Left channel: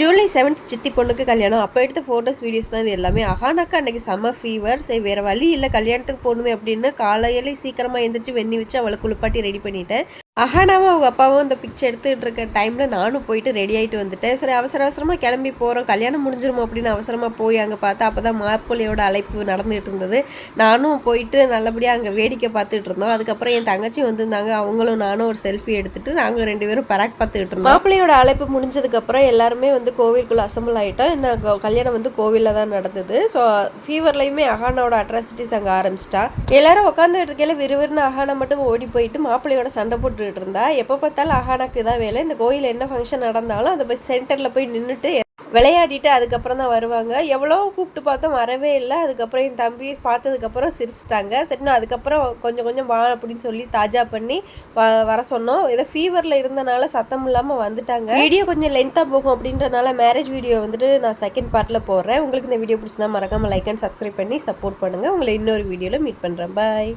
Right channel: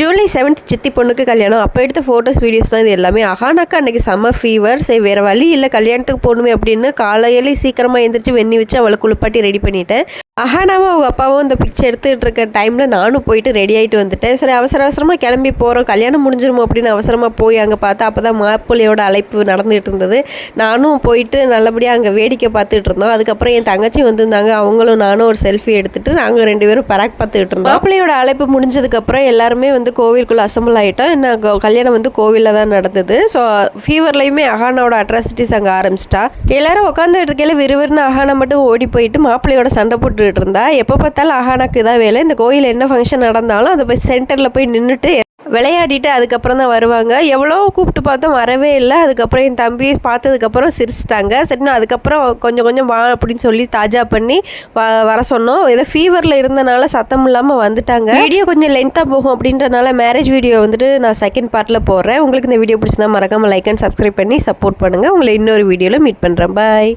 July 7th சித்தி பொண்ணுக்கு கல்யாணம். அப்போ எடுத்த ஃபோட்டோஸ் வீடியோஸ் தான் இது எல்லாமே. அஹானாக்கு அன்றைக்கி செம்ம ஃபீவர். சரி வேறு வழி இல்லை, கல்யாணத்துக்கு போகணுமே அப்படின்னு காலையிலே சீக்கிரமாக எழுந்திரிச்சு வெந்நி வச்சு அவளை குளிப்பாட்டி ரெடி பண்ணிட்டேன். அஹானாவும் அவங்க அப்பாவும் இந்த பிக்சர் எடுத்துகிட்டு இருக்க டைமில் நானும் போயிட்டு ரெடி ஆகிட்டு வந்துட்டேன். சரி அவசரமாக கிளம்பி போகிறோம், கல்யாணம் முடிஞ்சிருமோ அப்படின்னு அவசரமாக போய் அங்கே பார்த்தா அப்போ தான் மாப்பிள்ளையோட அழைப்பு நடந்துகிட்டு இருந்தது. நானும் போயிட்டு நல்லபடியாக அங்கே வேடிக்கை பார்த்துட்டு இருந்தோம். அதுக்கப்புறம் என் தங்கச்சி வந்திருந்தாங்க, அவங்களும் நானும் ஒரு செல்ஃபி எடுத்துகிட்டு நாங்கள் 2 பேரும் பராக் பார்த்துக்கிட்டு இருந்தோம். மாப்பிள்ளையோட அழைப்பு முடிஞ்சதுக்கப்புறம் எல்லாருமே கோவிலுக்குள்ளே அசம்பிள் ஆகிட்டோம். என்ன கல்யாணம் கோவிலில் தான் நடந்தது. ஸோ ஃபீவர்லேயுமே அஹானாவோட அட்ராசிட்டிஸ் அங்கே ஆரம்பிச்சிட்டா. எல்லோரும் உட்காந்துட்டு இருக்கையில விறுவிறுன்னு அஹானா மட்டும் ஓடி போயிட்டு மாப்பிள்ளையோட சண்டை போட்டுக்கிட்டு இருந்தா. எப்போ பார்த்தாலும் அஹானாக்கு தான் வேலை. இந்த கோயில் என்ன ஃபங்க்ஷன் நடந்தாலும் அதை போய் சென்டரில் போய் நின்றுட்டு விளையாடிட்டு அதுக்கப்புறம் தான் வருவாங்க. எவ்வளோ கூப்பிட்டு பார்த்தோம், வரவே இல்லை. அதுக்கப்புறம் என் தம்பி பார்த்ததுக்கப்புறம் சிரிச்சிட்டாங்க. சரிண்ணா அதுக்கப்புறம் கொஞ்சம் வா அப்படின்னு சொல்லி தாஜா பண்ணி வர சொன்னோம். ஏதோ ஃபீவரில் இருந்தனால சத்தம் இல்லாமல் வந்துட்டாங்க. வீடியோ கொஞ்சம் லென்த்தாக போகும் அப்படின்றனால மேரேஜ் வீடியோ நான் செகண்ட் பார்ட்டில் போடுறேன். உங்களுக்கு இந்த வீடியோ பிடிச்சிருந்தா மறக்காமல் லைக் அண்ட் சப்ஸ்கிரைப் பண்ணி சப்போர்ட் பண்ணுங்கள். உங்களை இன்னொரு வீடியோவில் மீட் பண்ணுறேன். பாய்.